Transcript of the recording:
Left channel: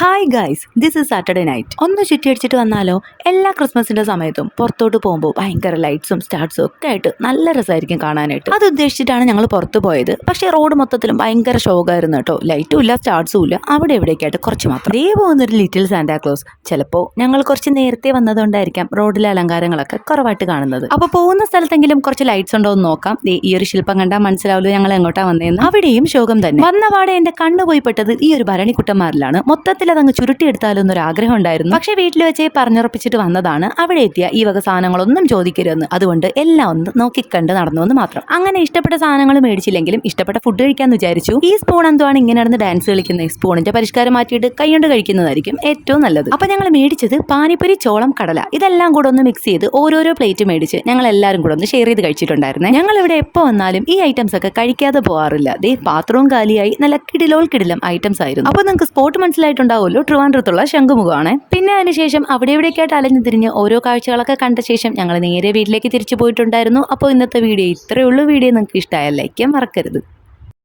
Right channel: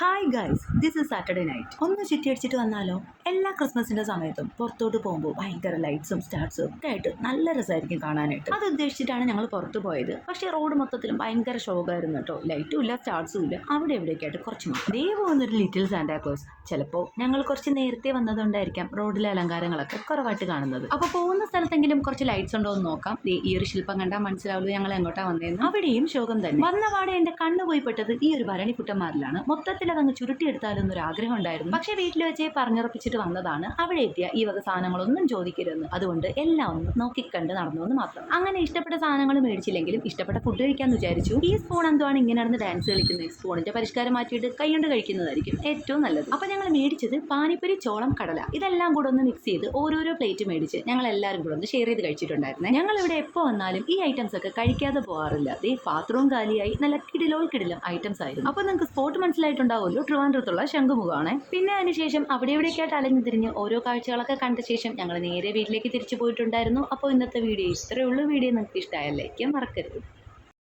Hi guys, this is Saturday night. ഒന്ന് ചുറ്റിയടിച്ചിട്ട് വന്നാലോ? എല്ലാ ക്രിസ്മസിന്റെ സമയത്തും പുറത്തോട്ട് പോകുമ്പോൾ ഭയങ്കര ലൈറ്റ്സും സ്റ്റാർട്സും ഒക്കെ ആയിട്ട് നല്ല രസമായിരിക്കും കാണാനായിട്ട്. അത് ഉദ്ദേശിച്ചിട്ടാണ് ഞങ്ങൾ പുറത്ത് പോയത്. പക്ഷേ റോഡ് മൊത്തത്തിലും ഭയങ്കര ഷോക്കായിരുന്നു കേട്ടോ. ലൈറ്റും ഇല്ല, സ്റ്റാർട്സും ഇല്ല. അവിടെ എവിടേക്കായിട്ട് കുറച്ച് മാത്രം. ദേ പോകുന്നൊരു ലിറ്റിൽ സാന്റാക്ലോസ്. ചിലപ്പോൾ ഞങ്ങൾ കുറച്ച് നേരത്തെ വന്നതുകൊണ്ടായിരിക്കാം റോഡിലെ അലങ്കാരങ്ങളൊക്കെ കുറവായിട്ട് കാണുന്നത്. അപ്പോൾ പോകുന്ന സ്ഥലത്തെങ്കിലും കുറച്ച് ലൈറ്റ്സ് ഉണ്ടോ എന്ന് നോക്കാം. ഈ ഒരു ശില്പം കണ്ടാൽ മനസ്സിലാവുമല്ലോ ഞങ്ങൾ എങ്ങോട്ടാ വന്നതെന്ന്. അവിടെയും ശോകം തന്നെ. വന്നപാടെ എന്റെ കണ്ണു പോയി പെട്ടത് ഈ ഒരു ഭരണിക്കുട്ടന്മാരിലാണ്. മൊത്തത്തിൽ അതങ്ങ് ചുരുട്ടിയെടുത്താലോ എന്നൊരു ആഗ്രഹം ഉണ്ടായിരുന്നു. പക്ഷെ വീട്ടിൽ വെച്ച് പറഞ്ഞുറപ്പിച്ചിട്ട് വന്നതാണ്. അവിടെ എത്തിയ ഈ വക സാധനങ്ങളൊന്നും ചോദിക്കരുതെന്ന്. അതുകൊണ്ട് എല്ലാം ഒന്ന് നോക്കിക്കണ്ട് നടന്നു എന്ന് മാത്രം. അങ്ങനെ ഇഷ്ടപ്പെട്ട സാധനങ്ങൾ മേടിച്ചില്ലെങ്കിലും ഇഷ്ടപ്പെട്ട ഫുഡ് കഴിക്കാന്ന് വിചാരിച്ചു. ഈ സ്പൂൺ എന്തുവാണ് ഇങ്ങനെ നടന്ന് ഡാൻസ് കളിക്കുന്നത്? സ്പൂണിന്റെ പരിഷ്കാരം മാറ്റിയിട്ട് കൈകൊണ്ട് കഴിക്കുന്നതായിരിക്കും ഏറ്റവും നല്ലത്. അപ്പൊ ഞങ്ങൾ മേടിച്ചത് പാനിപ്പുരി, ചോളം, കടല ഇതെല്ലാം കൂടെ ഒന്ന് മിക്സ് ചെയ്ത് ഓരോരോ പ്ലേറ്റ് മേടിച്ച് ഞങ്ങൾ എല്ലാവരും കൂടെ ഒന്ന് ഷെയർ ചെയ്ത് കഴിച്ചിട്ടുണ്ടായിരുന്നേ. ഞങ്ങൾ ഇവിടെ എപ്പോൾ വന്നാലും ഈ ഐറ്റംസ് ഒക്കെ കഴിക്കാതെ പോകാറില്ല. ദേ പാത്രവും കാലിയായി നല്ല കിടിലം ഐറ്റംസ് ആയിരുന്നു. അപ്പൊ നിങ്ങൾക്ക് സ്പോട്ട് മനസ്സിലായിട്ടുണ്ടാവുമല്ലോ, ട്രിവാൻഡ്രത്തുള്ള ശംഖുമുഖമാണ്. പിന്നെ അതിനുശേഷം അവിടെ ഇവിടേക്കായിട്ട് അലഞ്ഞു തിരിഞ്ഞ് ഓരോ കാഴ്ചകളൊക്കെ കണ്ട ശേഷം ഞങ്ങൾ നേരെ വീട്ടിലേക്ക് തിരിച്ചു പോയിട്ടുണ്ടായിരുന്നു. അപ്പോൾ ഇന്നത്തെ വീഡിയോ ഇത്രയേ ഉള്ളൂ. വീഡിയോ നിങ്ങൾക്ക് ഇഷ്ടമായ ലൈക്ക് ചെയ്യാൻ മറക്കരുത്.